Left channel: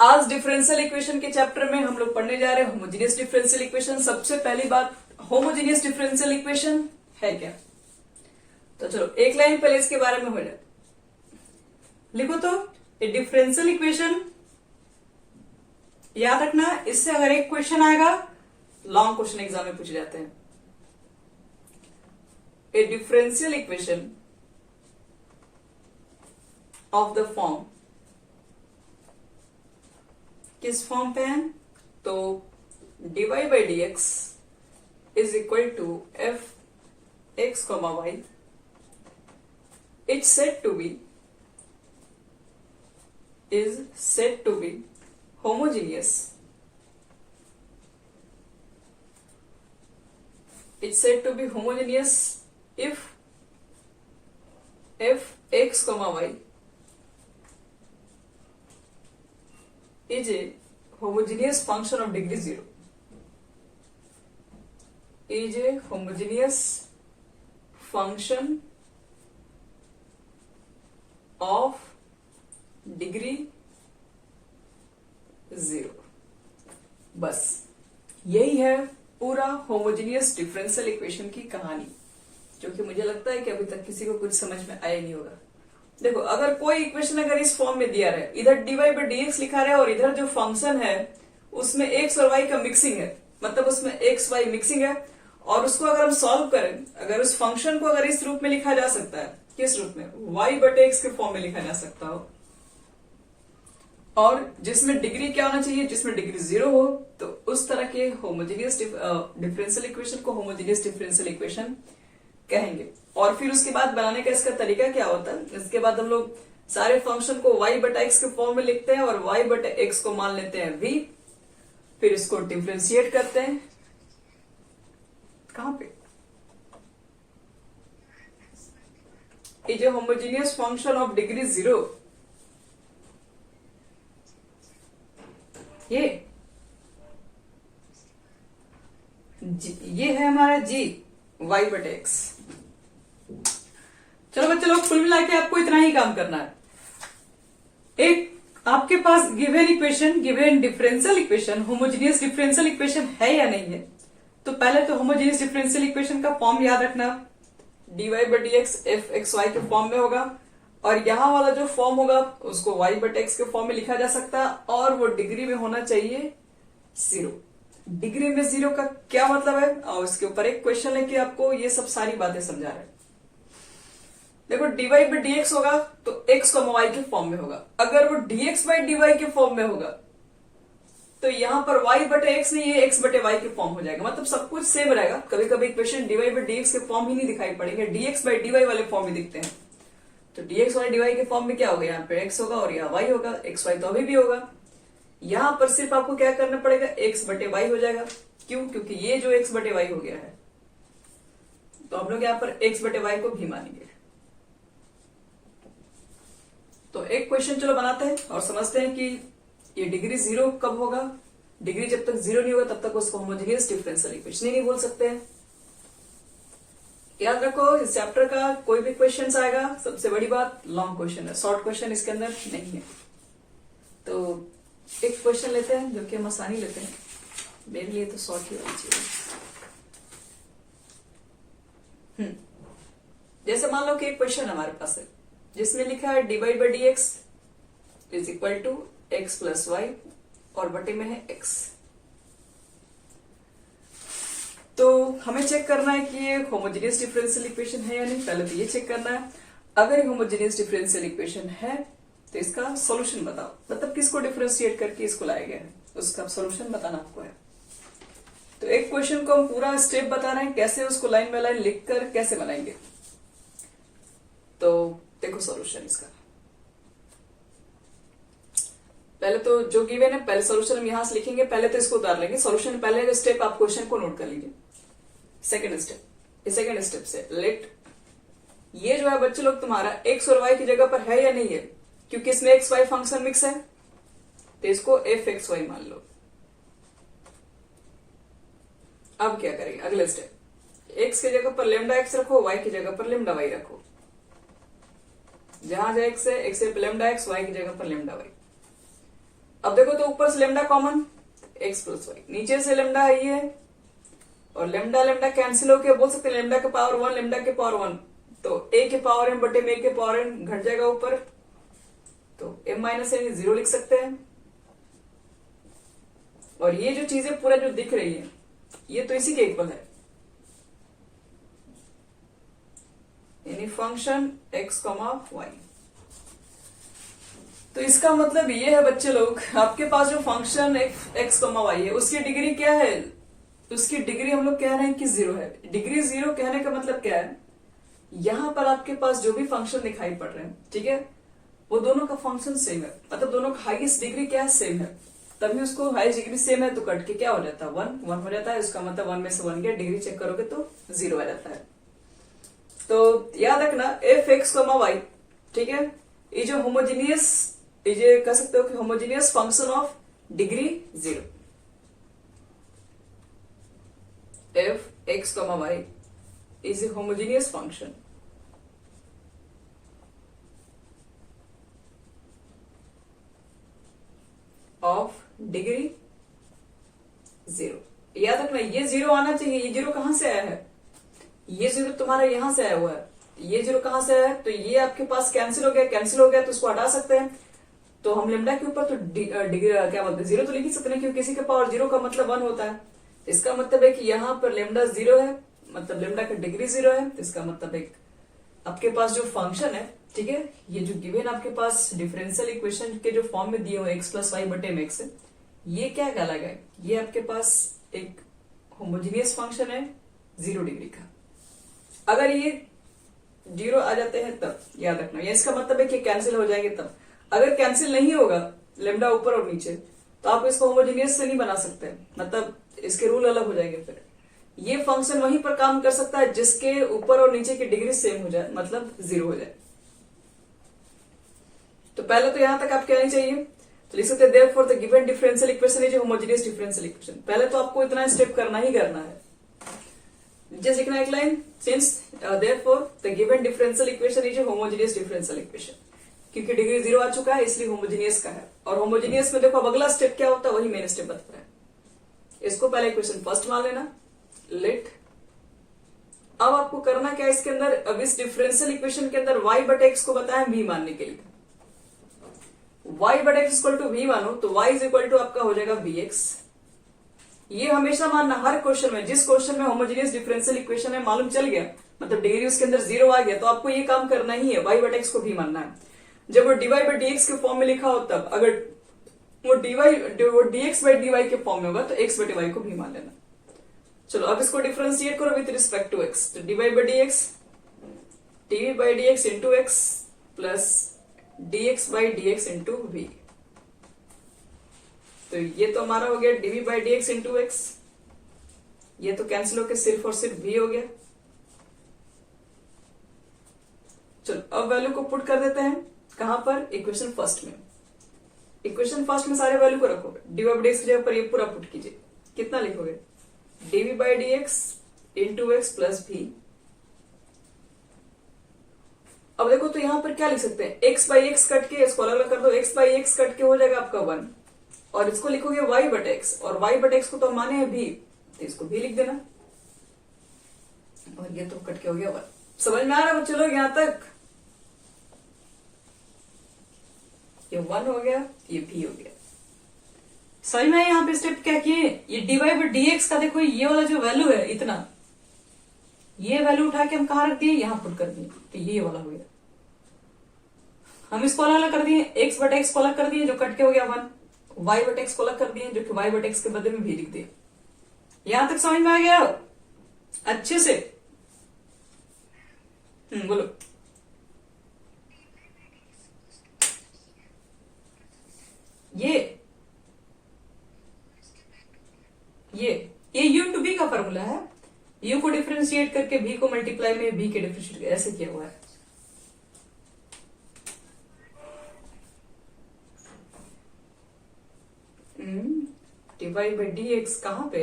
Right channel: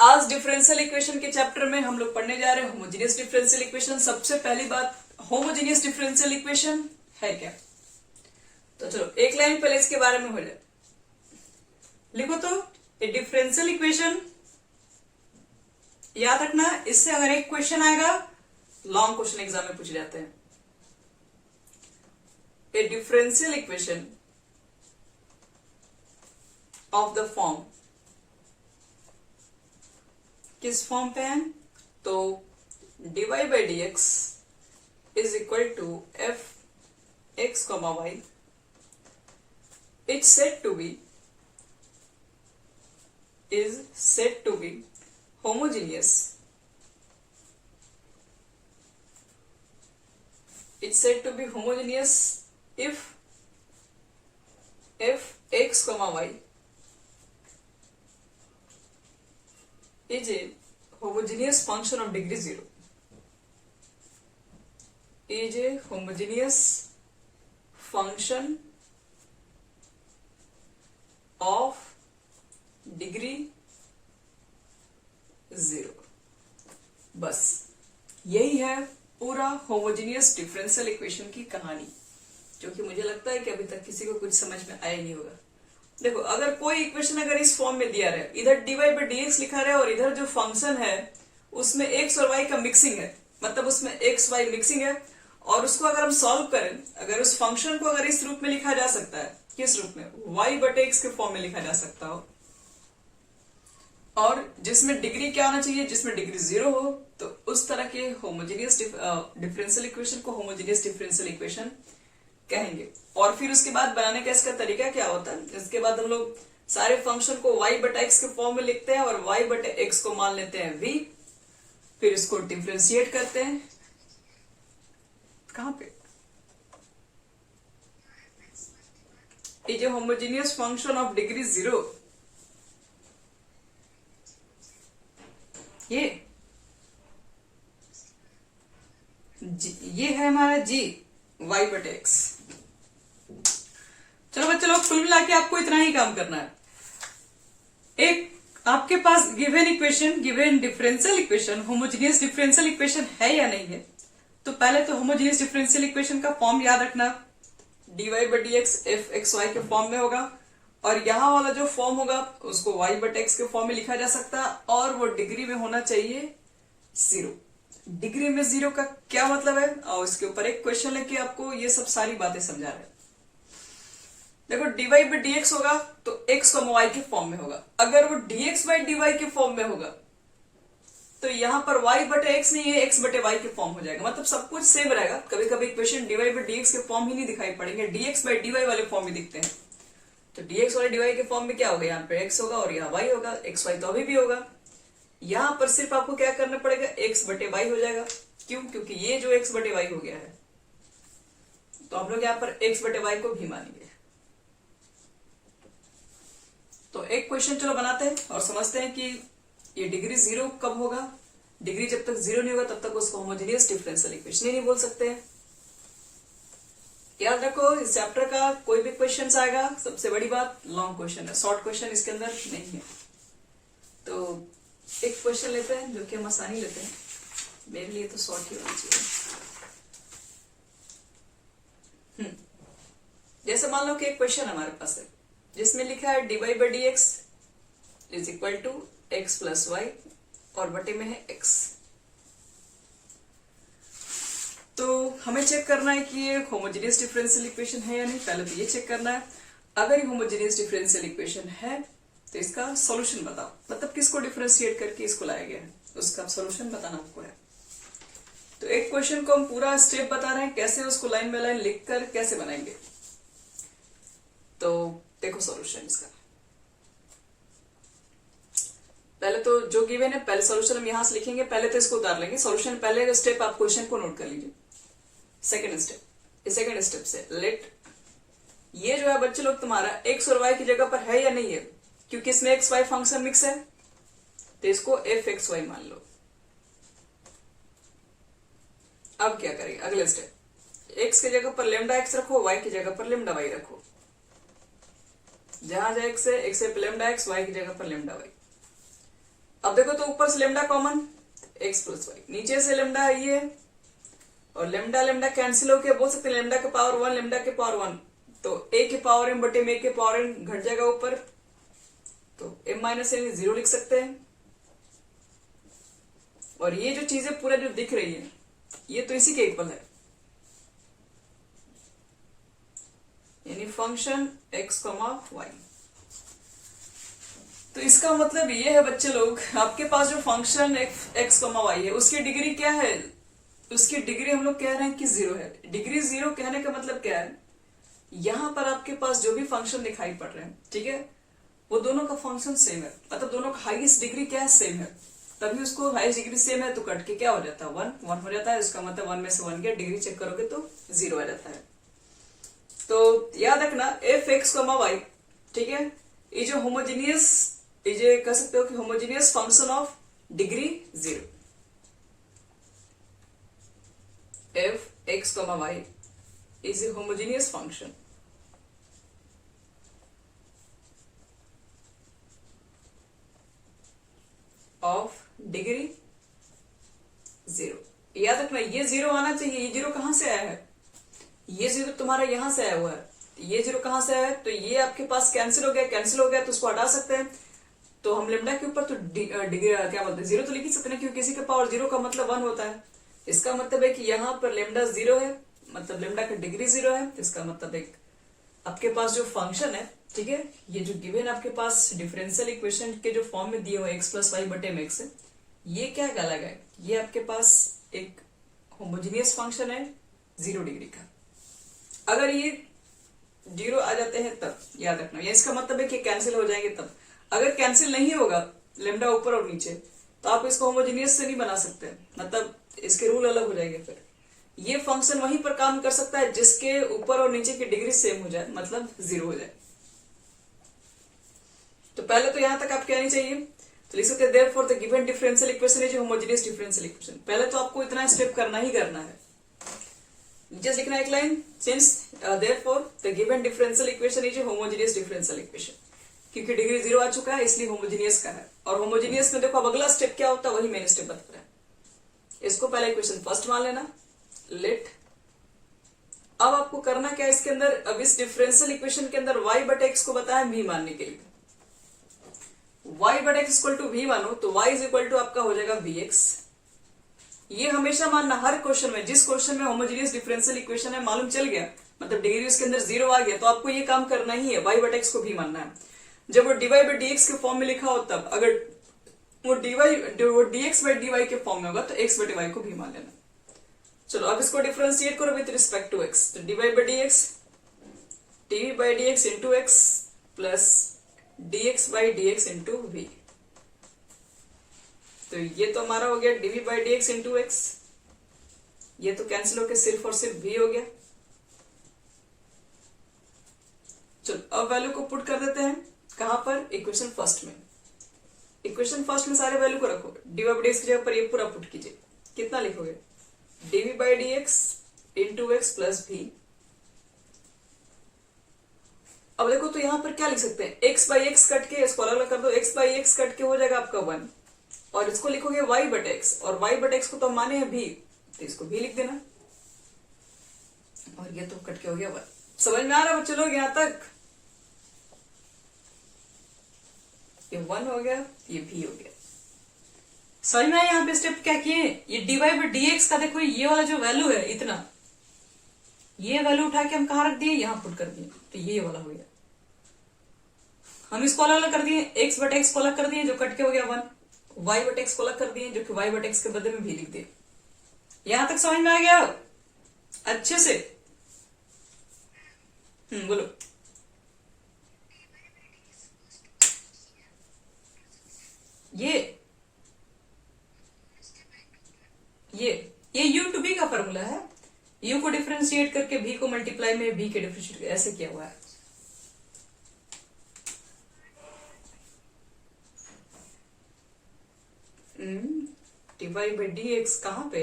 आज differential equation के chapter में हम लोग पढ़ने जा रहे हैं होमोजेनियस डिफरेंशियल इक्वेशन। सबसे पहली बात, होमोजेनियस डिफरेंशियल इक्वेशन है क्या? तो चलो एक लाइन पहले इसके बारे में हो जाए। लिखो तो ए डिफरेंशियल इक्वेशन, याद रखना इससे अगर एक क्वेश्चन आएगा लॉन्ग क्वेश्चन एग्जाम में पूछे जाते हैं। A differential equation of the form, किस फॉर्म पे है? तो dy by D x is equal to f x comma y is said to be homogeneous. It's said to be homogeneous if f x comma y is a homogeneous function of degree 0. Is a homogeneous function of degree 0. बस यही है पूरा homogeneous differential equation की कहानी, जो कि मुझे लगता है कि अभी तक किसी को कुछ समझ में आया नहीं होगा। देखो, अगर कोई इक्वेशन अगर इस फॉर्म में दिया रहे, इधर dy बाई डी एक्स लिखा रहे और इधर जो फंक्शन है उसमें x और y का मिक्सिंग है, मतलब उसमें x y मिक्सिंग है, और उसको अगर हम सॉल्व करें, अगर उस फंक्शन को अगर इस रूप में लिखा जा सकता है, किस रूप में? y बटे एक्स के फॉर्म में लिखा जा सकता हो, और जिसमें डिग्री क्या होना चाहिए? जिसमें डिग्री 0 हो, तो उस तरह के होमोजेनियस डिफरेंशियल इक्वेशन को होमोजेनियस डिफरेंशियल इक्वेशन कहेंगे। और फिर उसके बाद बनाने का इसका तरीका क्या होता है? इसके बाद हम लोग सारे फंक्शन को y बटा एक्स के फॉर्म में लिखते हैं और y बटे एक्स को मान लेते हैं v, फिर इसको डिफरेंशिएट करते हैं। कहां पे? ये जो होमोजेनियस फंक्शन ऑफ डिग्री 0, ये है हमारा g y बटे एक्स। चलो बच्चे लोग, कुल मिला के आपको इतना ही काम करना है। एक आपके पास given equation, given differential equation, homogeneous differential equation है या नहीं है? तो पहले तो होमोजेनियस डिफरेंशियल इक्वेशन का फॉर्म याद रखना, dy by D X F X Y के फॉर्म में होगा, और यहां वाला जो फॉर्म होगा उसको y बटे एक्स के फॉर्म में लिखा जा सकता है, और वो डिग्री में होना चाहिए 0। डिग्री में 0 का क्या मतलब है? और इसके ऊपर एक क्वेश्चन लेके आपको ये सब सारी बातें समझा रहे हैं। देखो, dy बाई डी एक्स होगा तो x को y के फॉर्म में होगा। अगर वो dx बाई डी वाई के फॉर्म में होगा तो यहां पर y बटे एक्स नहीं है, x बटे y के फॉर्म हो जाएगा, मतलब सब कुछ सेम रहेगा। कभी कभी equation dy by D x के फॉर्म ही नहीं दिखाई पड़ेंगे, dx बाई डी वाई वाले फॉर्म ही दिखते हैं। तो dx बाई डी वाई के फॉर्म में क्या होगा? यहाँ पे x होगा और यहाँ y होगा। x y तो अभी भी होगा। यहां पर सिर्फ आपको क्या करना पड़ेगा? x बटे y हो जाएगा। क्यों? क्योंकि ये जो x बटे y हो गया है, तो हम लोग यहाँ पर x बटे y को भी मानेंगे। तो एक क्वेश्चन चलो बनाते हैं और समझते हैं कि ये डिग्री 0 कब होगा। डिग्री जब तक 0 नहीं होगा तब तक उसको होमोजेनियस डिफरेंशियल इक्वेशन ही नहीं बोल सकते हैं। याद रखो, इस चैप्टर का कोई भी क्वेश्चन आएगा, सबसे बड़ी बात लॉन्ग क्वेश्चन है, शॉर्ट क्वेश्चन इसके अंदर नहीं है। तो एक क्वेश्चन लेते हैं जो कि हम आसानी लेते हैं, मेरे लिए तो शॉर्ट ही होना चाहिए। जैसे मान लो कि एक क्वेश्चन हमारे पास है जिसमें लिखा है dy by D x is equal to x plus y, और बटे में है x। तो हमें चेक करना है कि ये होमोजेनियस डिफरेंशियल इक्वेशन है या नहीं। पहले तो ये चेक करना है। अगर ये होमोजेनियस डिफरेंशियल इक्वेशन है तो इसका सॉल्यूशन बताओ, मतलब किसको डिफरेंशिएट करके इसको लाया गया है, उसका सॉल्यूशन बताना आपको है। तो एक क्वेश्चन को हम पूरा स्टेप बता रहे हैं, कैसे उसको लाइन बाय लाइन लिखकर कैसे बनाएंगे। तो देखो सॉल्यूशन इसका, पहले तो जो गिवन है पहले सॉल्यूशन हम यहां से लिखेंगे, पहले तो इसको उतार लेंगे सॉल्यूशन। पहले स्टेप आप क्वेश्चन को नोट कर लीजिए। सेकंड स्टेप से लेट, ये जो है बच्चे लोग तुम्हारा x और y की जगह पर है या नहीं है, क्योंकि इसमें एक्स वाई फंक्शन मिक्स है, तो इसको एफ एक्स वाई मान लो। अब क्या करेंगे? अगले स्टेप, x की जगह पर लेमडा x रखो, y की जगह पर लेमडा y रखो। जहां जहां x है, x पे लेमडा x, y की जगह पर लेमडा y। अब देखो तो ऊपर से lambda common, x plus y, नीचे से लेमडा आई है और लेमडा लेमडा कैंसिल होके बोल सकते हैं लेमडा के पावर 1 लेमडा के पावर 1, तो ए के पावर एम बटे में ए के पावर एन घट जाएगा ऊपर, तो एम माइनस एन 0 लिख सकते हैं। और ये जो चीजें पूरा जो दिख रही है ये तो इसी के इक्वल है, यानी फंक्शन एक्स कॉमा वाई। तो इसका मतलब ये है बच्चे लोग, आपके पास जो फंक्शन एक्स कॉमा वाई है उसकी डिग्री क्या है, उसकी डिग्री हम लोग कह रहे हैं कि 0 है। डिग्री 0 कहने का मतलब क्या है, यहां पर आपके पास जो भी फंक्शन दिखाई पड़ रहे हैं, ठीक है, वो दोनों का फंक्शन सेम है, मतलब दोनों का हाईएस्ट डिग्री क्या है, सेम है, तभी उसको हाईएस्ट डिग्री सेम है तो कट के क्या हो जाता है 1 हो जाता है, उसका मतलब 1 में से 1 गया, डिग्री चेक करोगे तो 0 आ जाता है। तो याद रखना एफ एक्स कॉमा वाई, ठीक है, ये जो होमोजीनियस, ये जो कह सकते हो कि homogeneous function of degree 0, f x comma y is a homogeneous function of degree 0। याद रखना ये 0 आना चाहिए, ये 0 कहां से आया है, ये 0 तुम्हारा यहां से आया हुआ है, ये 0 कहां से आया है, तो ये आपके पास कैंसिल हो गया तो उसको हटा सकते हैं, तो हम लेमडा के ऊपर तो डिग्री क्या बोलते हैं 0 तो लिख ही सकते हैं, क्योंकि किसी के पावर 0 का मतलब 1 होता है। इसका मतलब है कि यहाँ पर लेमडा 0 है, मतलब लेमडा का डिग्री 0 है, इसका मतलब एक आपके पास जो फंक्शन है, ठीक है, ये जो गिवन आपके पास डिफरेंशियल इक्वेशन के जो फॉर्म में दिए हुए एक्स प्लस वाई बटे में एक्स, ये क्या कहलाएगा, ये आपके पास एक होमोजीनियस फंक्शन है 0 डिग्री का। अगर ये 0 आ जाते हैं तब याद रखना, ये इसका मतलब है कि कैंसिल हो जाएंगे तब। अगर कैंसिल नहीं होगा लेमडा ऊपर और नीचे तो आप इसको होमोजीनियस से नहीं बना सकते, मतलब इसके रूल अलग हो जाएंगे। फिर ये फंक्शन वहीं पर काम कर सकता है जिसके ऊपर और नीचे की डिग्री सेम हो जाए, मतलब 0 हो जाए। तो पहले तो यहां तक आप क्या नहीं चाहिए, तो लिख सकते हैं therefore the given differential equation is homogeneous differential equation. पहले तो आपको इतना स्टेप करना ही करना है, जस्ट लिखना एक line, since therefore the given differential equation is homogeneous differential equation, क्योंकि डिग्री 0 आ चुका है इसलिए होमोजीनियस का है। और होमोजीनियस में देखो अब अगला स्टेप क्या होता है, वही मेन स्टेप बता रहा है। इसको पहले इक्वेशन फर्स्ट मान लेना, लेट। अब आपको करना क्या है इसके अंदर, अब इस डिफरेंशियल इक्वेशन के अंदर y बटे एक्स को बताया v मानने के लिए, y बटे एक्स इक्वल टू v मानो तो y इज इक्वल टू आपका हो जाएगा vx। ये हमेशा मानना हर क्वेश्चन में, जिस क्वेश्चन में होमोजीनियस डिफरेंशियल इक्वेशन है मालूम चल गया, मतलब डिग्री उसके अंदर 0 आ गया, तो आपको ये काम करना ही है, y बटे एक्स को v मानना है। जब वो dy बाई dx के फॉर्म में लिखा हो तब, अगर वो dx बाई dy के फॉर्म में होगा तो x बटे y को भी मान लेना। चलो अब इसको डिफरेंशिएट करो विद रिस्पेक्ट टू x, तो dy by dx dv by dx into x plus dx by dx into v, तो ये तो हमारा हो गया dv by dx into x, ये तो कैंसिल होकर सिर्फ और सिर्फ v हो गया। चलो अब वैल्यू को पुट कर देते हैं, कहां पर, इक्वेशन फर्स्ट में। इक्वेशन फर्स्ट में सारे वैल्यू को रखो, dy बाई dx की जगह पर ये पूरा पुट कीजिए, कितना लिखोगे, dv by dx into x plus v। अब देखो तो यहां पर क्या लिख सकते हैं, x बाई x कट के इसको अलग अलग कर दो, x बाई x कट के हो जाएगा आपका 1, और इसको लिखोगे y बटे x, और y बटे x को तो माने हैं v, तो इसको भी लिख देना, और ये तो कट के हो गया 1। समझ में आ रहा है बच्चे लोग यहां तक, ये 1 हो गया, ये v हो गया। समझ में यहाँ पे स्टेप क्या किए, ये dy बाई dx का देखो ये वाला जो वैल्यू है इतना, ये वैल्यू उठा के हम कहां रख दिए, यहां पुट कर दिए, तो ये वाला हो गया। हम इसको अलग अलग कर दिए, x बटे x को अलग कर दिए जो कट के हो गया 1, y बटे x को अलग कर दिए जो कि y बटे x के बदले में भी लिख दिए। यहां तक समझ में आ गया अच्छे से, बोलो। ये u टू b का फॉर्मूला है, u को डिफरेंशिएट करके v को मल्टीप्लाई में b के डिफरेंशिएट ऐसे किया हुआ है। dy बाई dx कहां पे,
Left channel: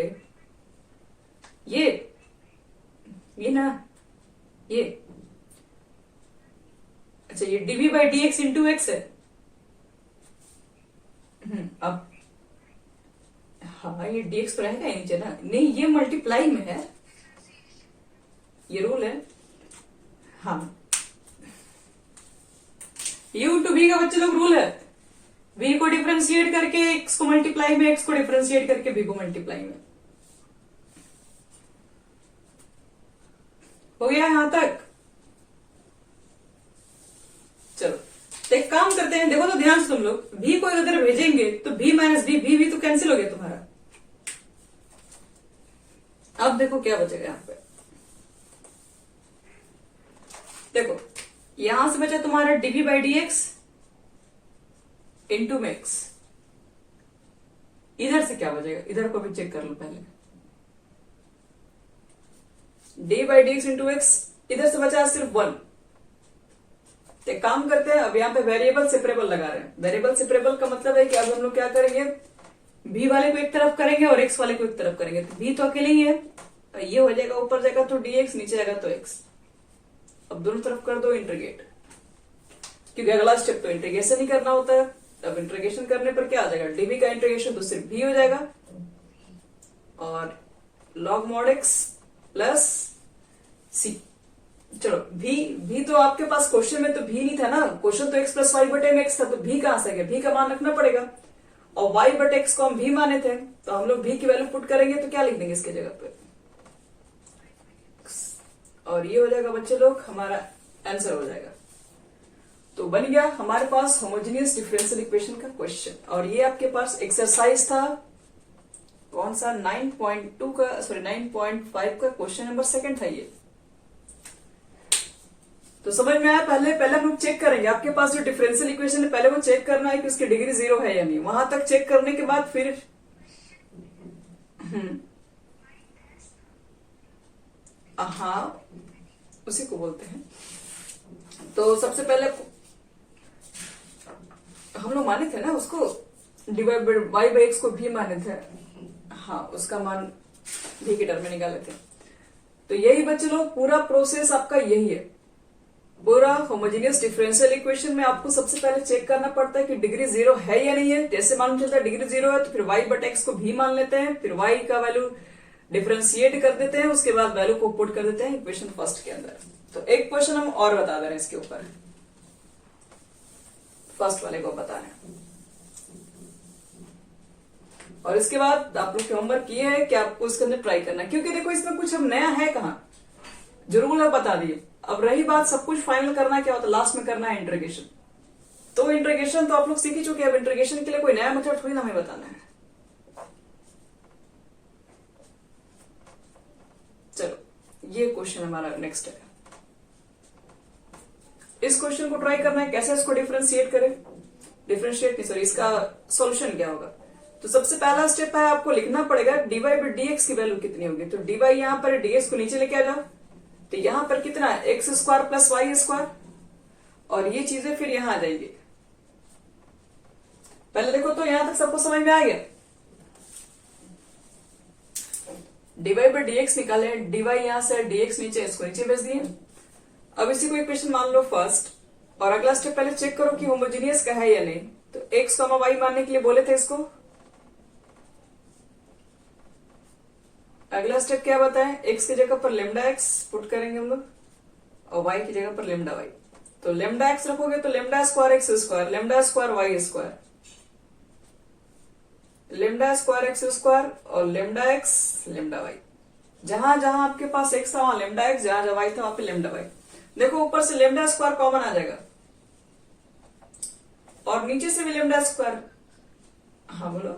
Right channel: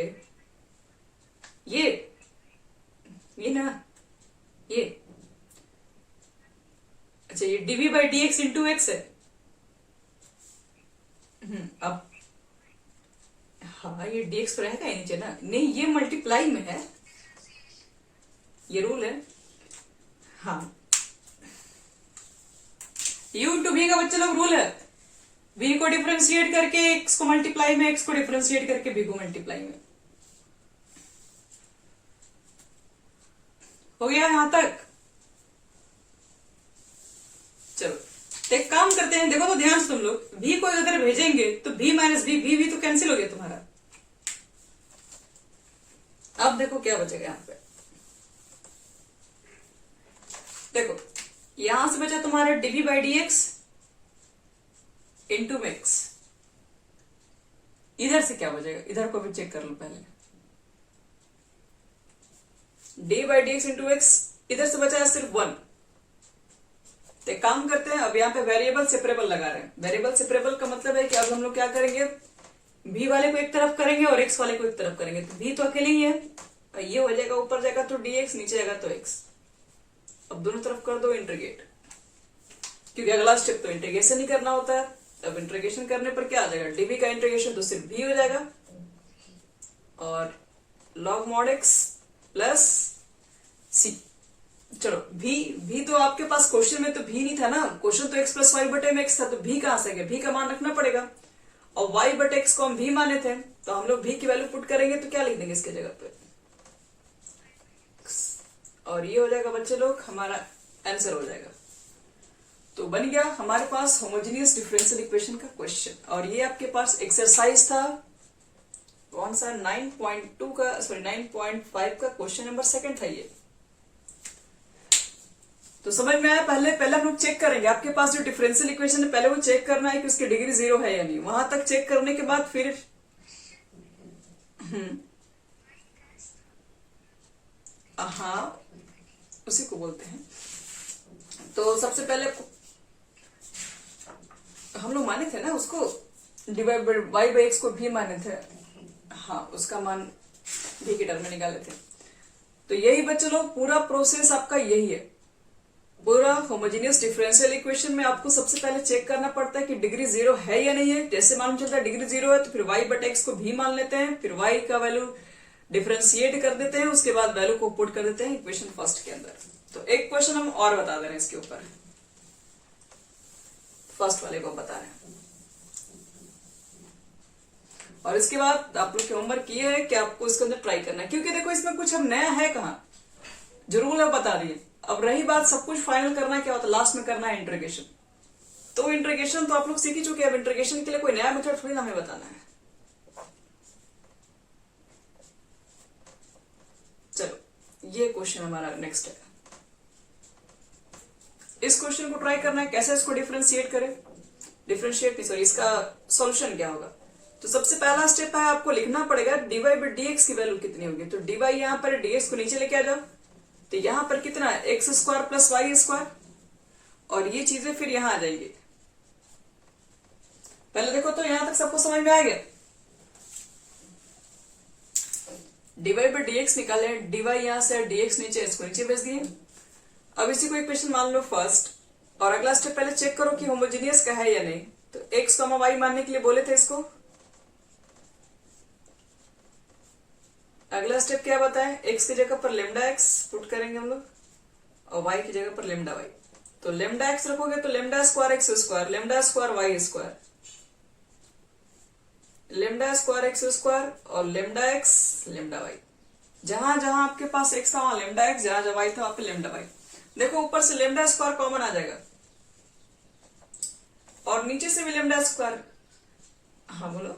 ये ना, ये अच्छा, ये dv by dx into x है, अब हाँ, ये dx पर रहेगा ही नीचे ना, नहीं ये मल्टीप्लाई में है, ये रूल है। हाँ, u इंटू v का बच्चे लोग रूल है, v को डिफरेंशिएट करके x को मल्टीप्लाई में, x को डिफरेंशिएट करके v को मल्टीप्लाई में। हो गया यहां तक? चलो एक काम करते हैं, देखो तो ध्यान से तुम लोग, v को इधर भेजेंगे तो v माइनस v तो कैंसिल हो गया तुम्हारा। अब देखो क्या बचेगा यहां पे, देखो यहां से बचा तुम्हारा dv by D x into x. इधर से क्या बचेगा, इधर को भी चेक कर लो पहले, D by D x into x, इधर से बचा है सिर्फ 1। तो एक काम करते हैं, अब यहाँ पे वेरिएबल सेपरेबल लगा रहे हैं। वेरिएबल सेपरेबल का मतलब है कि अब हम लोग क्या करेंगे, v वाले को एक तरफ करेंगे और x वाले को एक तरफ करेंगे, तो v तो अकेले ही है, ये हो जाएगा, ऊपर जाएगा तो dx, नीचे जाएगा तो x। अब दोनों तरफ कर दो इंटीग्रेट, क्योंकि अगला स्टेप तो इंटीग्रेशन ही करना होता है। अब इंटीग्रेशन करने पर क्या आ जाएगा, dv का इंटीग्रेशन तो सिर्फ v हो जाएगा, और log mod x plus c। चलो v तो आपके पास क्वेश्चन में तो v नहीं था ना, क्वेश्चन तो x प्लस वाई बटे में x था, तो v कहां से गया, v का मान रखना पड़ेगा, और y बटे x को हम v माने थे, तो हम लोग v की वैल्यू पुट करेंगे तो क्या लिख देंगे इसके जगह पे, और ये हो जाएगा बच्चे लोग हमारा आंसर हो जाएगा। तो बन गया हमारे पास होमोजेनियस डिफरेंशियल इक्वेशन का क्वेश्चन, और ये आपके पास एक्सरसाइज था कौन सा, 9.2 का, सॉरी 9.5 का क्वेश्चन नंबर 2 था ये। तो समझ में आया? पहले हम लोग चेक करेंगे, आपके पास जो डिफरेंशियल इक्वेशन है पहले वो चेक करना है कि उसकी डिग्री 0 है या नहीं। वहां तक चेक करने के बाद फिर हाँ, उसी को बोलते हैं। तो सबसे पहले हम लोग माने थे ना उसको, divide by y by x को भी माने थे, हाँ उसका मान भी के टर्म में निकाले थे। तो यही बच्चे लोग पूरा प्रोसेस आपका यही है। पूरा होमोजेनियस डिफरेंशियल इक्वेशन में आपको सबसे पहले चेक करना पड़ता है कि डिग्री 0 है या नहीं है। जैसे मालूम चलता है डिग्री 0 है तो फिर y बट एक्स को भी मान लेते हैं, फिर y का वैल्यू डिफरेंशिएट कर देते हैं, उसके बाद वैल्यू को पुट कर देते हैं इक्वेशन फर्स्ट के अंदर। तो एक क्वेश्चन हम और बता दे रहे हैं इसके ऊपर, फर्स्ट वाले को बता रहे हैं, और इसके बाद आप लोग के होमवर्क ये है कि आपको इसके अंदर ट्राई करना है, क्योंकि देखो इसमें कुछ हम नया है कहाँ, जरूर है बता दिए। अब रही बात सब कुछ फाइनल करना क्या होता है, लास्ट में करना है इंटीग्रेशन। तो इंटीग्रेशन तो आप लोग सीख ही चुके हैं, अब इंटीग्रेशन के लिए कोई नया मेथड थोड़ी ना हमें बताना है। चलो ये क्वेश्चन हमारा नेक्स्ट है, इस क्वेश्चन को ट्राई करना है कैसे इसको डिफरेंशिएट करें, डिफरेंशिएट नहीं सॉरी, इसका सॉल्यूशन क्या होगा। तो सबसे पहला स्टेप है आपको लिखना पड़ेगा dy बाई dx की वैल्यू कितनी होगी। तो dy यहां पर dx को नीचे लेके आ जाओ, तो यहां पर कितना है x square plus y square, और ये चीजें फिर यहां आ जाएंगी। पहले देखो तो यहां तक सबको समझ में आ गया, dy बाई dx निकाले, dy यहां से dx नीचे, इसको नीचे भेज दिए। अब इसी को इक्वेशन मान लो फर्स्ट, और अगला स्टेप पहले चेक करो कि होमोजेनियस का है या नहीं। तो x, y मानने के लिए बोले थे इसको, अगला स्टेप क्या बताए, x की जगह पर लेमडा x पुट करेंगे हम लोग, और y की जगह पर लेमडा y। तो लेमडा x रखोगे तो lambda square x square, lambda square y square, lambda square x square, और लेमडा x लेमडा y। जहां जहां आपके पास x था वहां लेमडा x, जहां जहां y था वहां पे लेमडा y। देखो ऊपर से लेमडा स्क्वायर कॉमन आ जाएगा, और नीचे से भी लेमडा स्क्वायर, हाँ बोलो,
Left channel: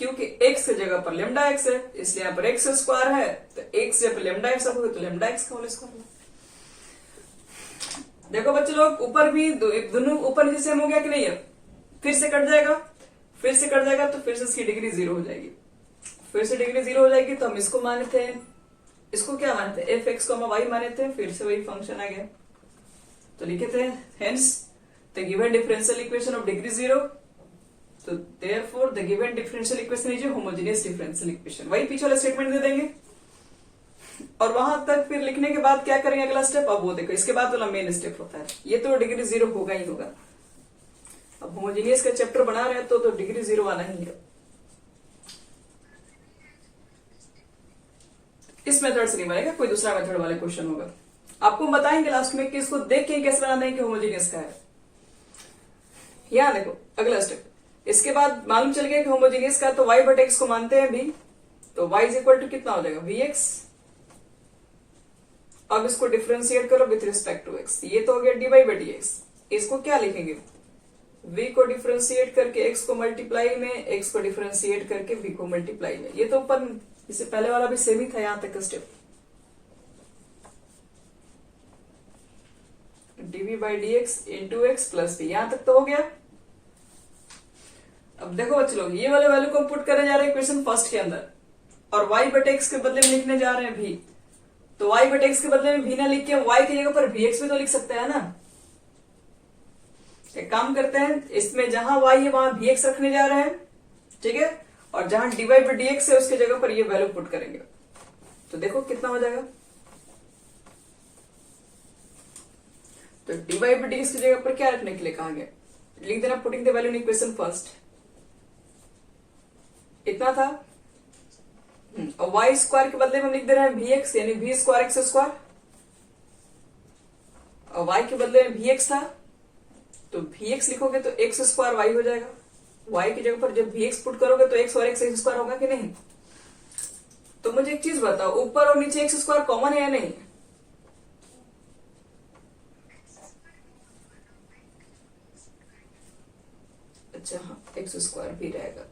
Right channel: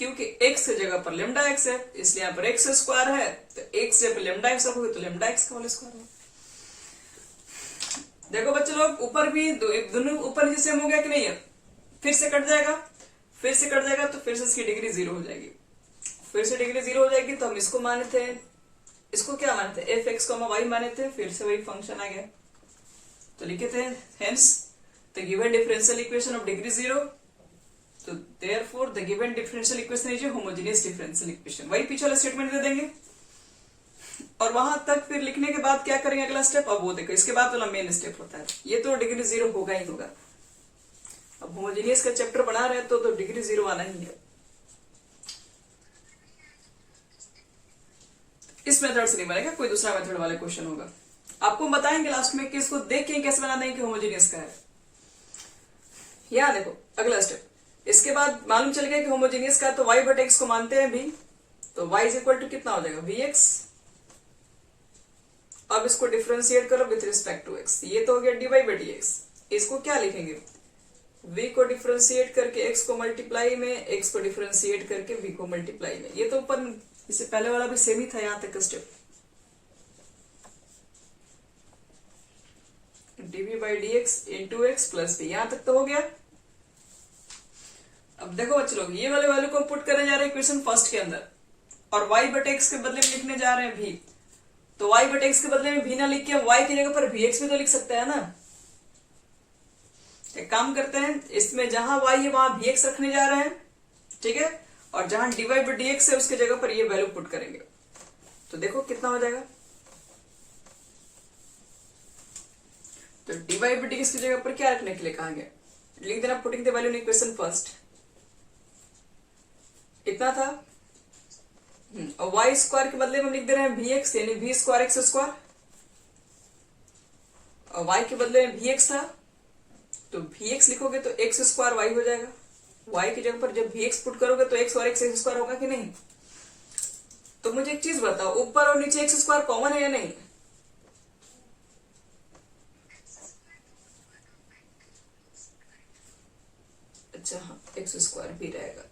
क्योंकि x की जगह पर लेमडा x है इसलिए यहाँ पर x स्क्वायर है, तो x जब लेमडा x रखोगे तो लेमडा x का होल स्क्वायर है। देखो बच्चे लोग ऊपर भी दोनों ऊपर नीचे सेम हो गया कि नहीं है, फिर से कट जाएगा, फिर से कट जाएगा, तो फिर से इसकी डिग्री 0 हो जाएगी, फिर से डिग्री 0 हो जाएगी। तो हम इसको माने थे, इसको क्या माने थे, एफ एक्स को वाई माने थे, फिर से वही फंक्शन आ गया, तो लिखे थे hence the given differential equation of degree 0, तो therefore the given differential equation is a homogeneous differential equation. वही पीछे वाला स्टेटमेंट दे देंगे, और वहां तक फिर लिखने के बाद क्या करेंगे अगला स्टेप, अब वो देखो इसके बाद वाला मेन स्टेप होता है, ये तो डिग्री 0 होगा ही होगा। अब होमोजीनियस का चैप्टर बना रहे हैं तो डिग्री 0 आना ही है। इस मेथड से नहीं बनेगा, कोई दूसरा मेथड वाले क्वेश्चन होगा। आपको बताएंगे लास्ट में कि इसको देख के कैसे बनाना है कि होमोजीनियस का है। यहां देखो अगला स्टेप, इसके बाद मालूम चल गया कि होमोजीनियस का है तो y बट एक्स को मानते हैं भी, तो y इज इक्वल टू कितना हो जाएगा vx। अब इसको डिफरेंशिएट करो विथ रिस्पेक्ट टू x, ये तो हो गया dy बाई dx। इसको क्या लिखेंगे, v को डिफरेंशिएट करके x को मल्टीप्लाई में, x को डिफरेंशिएट करके v को मल्टीप्लाई में। ये तो ऊपर इससे पहले वाला भी सेम ही था, यहां तक का step dv by dx into x plus v, यहां तक तो हो गया। अब देखो बच्चे लोग, ये वाले वैल्यू को पुट करने जा रहे हैं इक्वेशन फर्स्ट के अंदर, और y बटे एक्स के बदले में लिखने जा रहे हैं v। तो y बटे एक्स के बदले में v ना लिख के y की जगह पर vx भी तो लिख सकते हैं ना। एक काम करते हैं, इसमें जहां y है वहां vx रखने जा रहे हैं, ठीक है, और जहां dy बाई dx है उसके जगह पर ये वैल्यू पुट करेंगे। तो देखो कितना हो जाएगा, तो dy बाई dx की जगह पर क्या रखने के लिए कहा गया, लिख देना putting the value in equation first, इतना था। और y स्क्वायर के बदले में हम लिख दे रहे हैं vx, यानी v स्क्वायर एक्स स्क्वायर, और y के बदले में vx था तो vx लिखोगे तो x स्क्वायर y हो जाएगा। y की जगह पर जब vx पुट करोगे तो x और x स्क्वायर होगा कि नहीं। तो मुझे एक चीज बताओ, ऊपर और नीचे x स्क्वायर कॉमन है या नहीं। अच्छा हाँ, एक्स स्क्वायर भी रहेगा।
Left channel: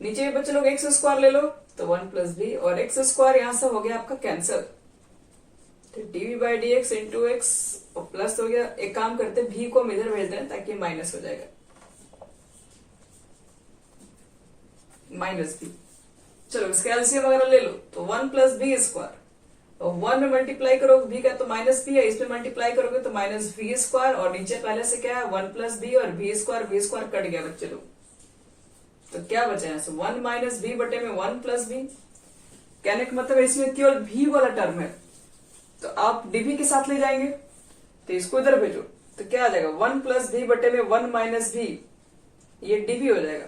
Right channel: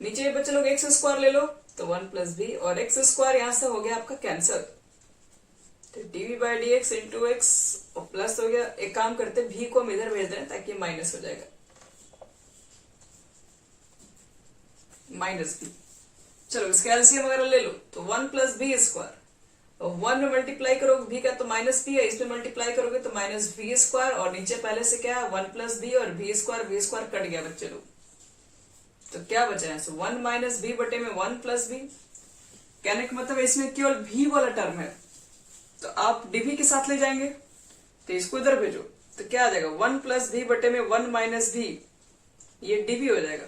नीचे बच्चे लोग एक्स स्क्वायर ले लो तो 1 प्लस बी, और एक्स स्क्वायर यहां से हो गया आपका कैंसल, तो dv by D x into x और प्लस हो गया। एक काम करते हैं, भी को हम इधर भेज दें ताकि माइनस हो जाएगा, माइनस बी। चलो इसका एलसीएम वगैरह ले लो तो 1 प्लस बी स्क्वायर, और 1 में मल्टीप्लाई करोगे बी का तो माइनस बी है, इसमें मल्टीप्लाई करोगे तो माइनस बी स्क्वायर, और नीचे पहले से क्या है 1 प्लस बी और बी स्क्वायर कट गया बच्चे लोग। तो क्या बचा है, 1 माइनस बी बटे में 1 प्लस बी। कहने का मतलब इसमें केवल भी वाला टर्म है, तो आप डीवी के साथ ले जाएंगे तो इसको इधर भेजो तो क्या आ जाएगा 1 प्लस बी बटे में 1 माइनस बी, ये डीवी हो जाएगा,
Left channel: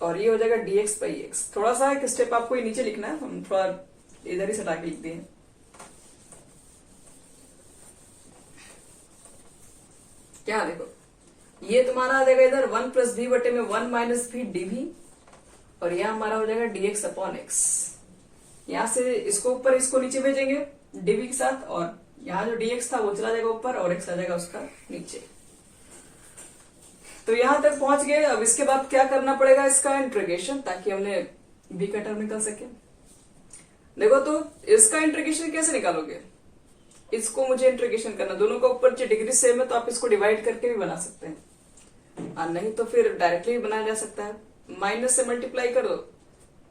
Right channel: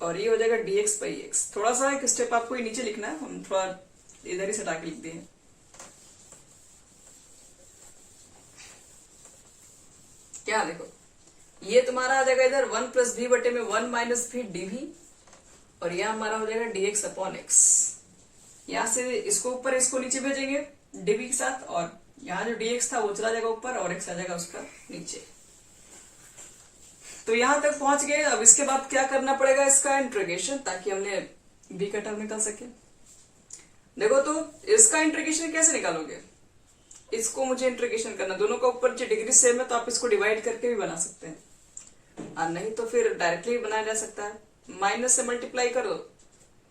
और ये हो जाएगा डीएक्स बाई एक्स। थोड़ा सा एक स्टेप आपको ये नीचे लिखना है, हम थोड़ा इधर ही सटा के लिख दिए। क्या देखो, ये तुम्हारा आ जाएगा इधर 1 प्लस बी बटे में 1 माइनस बी डीवी, और यहां हमारा हो जाएगा डीएक्स अपॉन एक्स। यहां से इसको ऊपर इसको नीचे भेजेंगे डीवी के साथ, और यहां जो डीएक्स था वो चला जाएगा ऊपर और एक्स आ जाएगा उसका नीचे। तो यहां तक पहुंच गए। अब इसके बाद क्या करना पड़ेगा, इसका इंटीग्रेशन, ताकि हमने बी का टर्म निकाल सके। देखो तो इसका इंटीग्रेशन कैसे निकालोगे, इसको मुझे इंटीग्रेशन करना, दोनों का ऊपर जो डिग्री सेम है तो आप इसको डिवाइड करके भी बना सकते हैं, और नहीं तो फिर डायरेक्टली भी बनाया जा सकता है। माइनस से मल्टीप्लाई कर दो,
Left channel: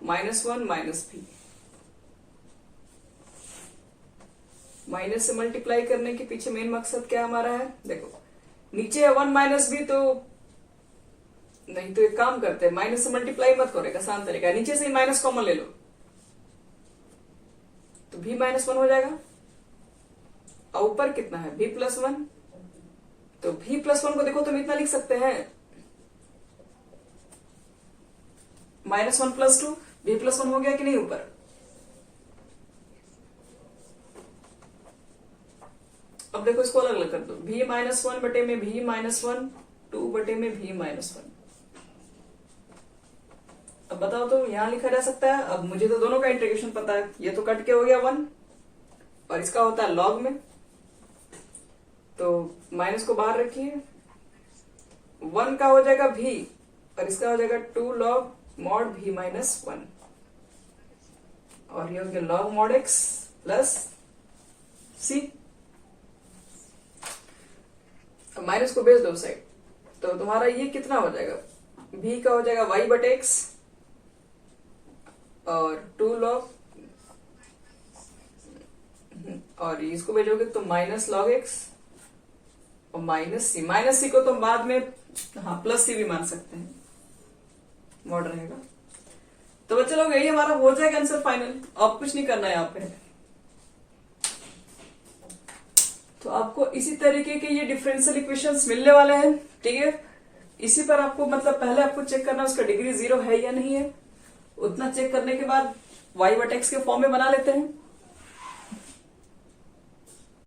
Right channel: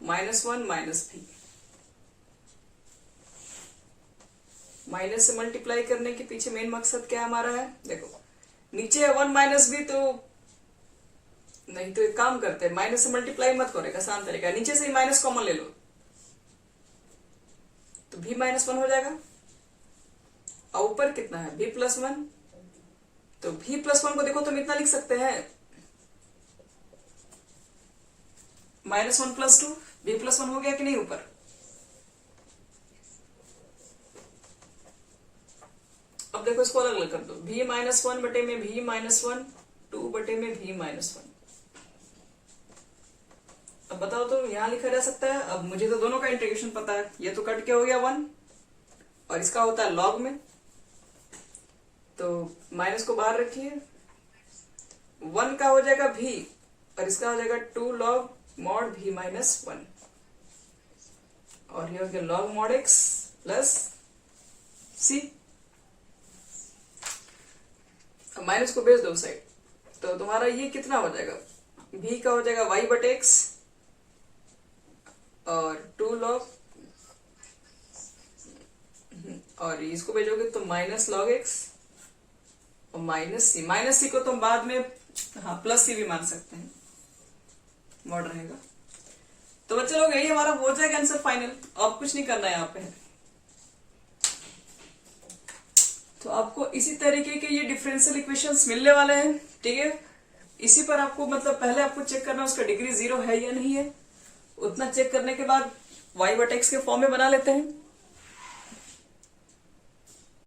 -1 माइनस बी, माइनस से मल्टीप्लाई करने के पीछे मेन मकसद क्या हमारा है, देखो नीचे है 1 माइनस बी, तो नहीं तो एक काम करते हैं, माइनस से मल्टीप्लाई मत करो, आसान तरीका, नीचे से ही माइनस कॉमन ले लो तो भी -1 हो जाएगा, और ऊपर कितना है b प्लस 1, तो b प्लस 1 को देखो तुम इतना लिख सकते हैं -1 प्लस 2, b प्लस 1 हो गया कि नहीं ऊपर। अब देखो इसको अलग अलग कर दो, v -1 बटे में v -1, 2 बटे में v -1। अब बताओ तो यहां लिखा जा सकता है। अब मुझे तो दोनों का इंटीग्रेशन पता है, ये तो कट के हो गया 1, और इसका होता है लॉग में, तो माइनस को बाहर रखिए, 1 का हो जाएगा v और इसका हो जाएगा 2 लॉग मॉड v -1, और ये हो गया log mod x plus c। अब माइनस को भेज दो साइड, तो तुम्हारा ये कितना हो जाएगा, v का हो जाएगा y बटे x और 2 लॉग, और इसको भेजोगे तो माइनस लॉग x और माइनस सी को तुम बाद में हाँ प्लस सी भी मान सकते हैं, मॉड रहेगा। तो बच्चे लोग यही हमारा हो जाएगा आंसर फाइनल, अब कुछ नहीं करना है यहाँ पे। तो आपको इसी तरीके के ये डिफरेंशियल इक्वेशंस मिलने वाले हैं, ठीक है। इसी पर आपको मतलब पहले आपको चेक करना उसका डिग्री 0 है या नहीं है, उतना चेक करने के बाद y बट x के फॉर्म में बना लेते हैं।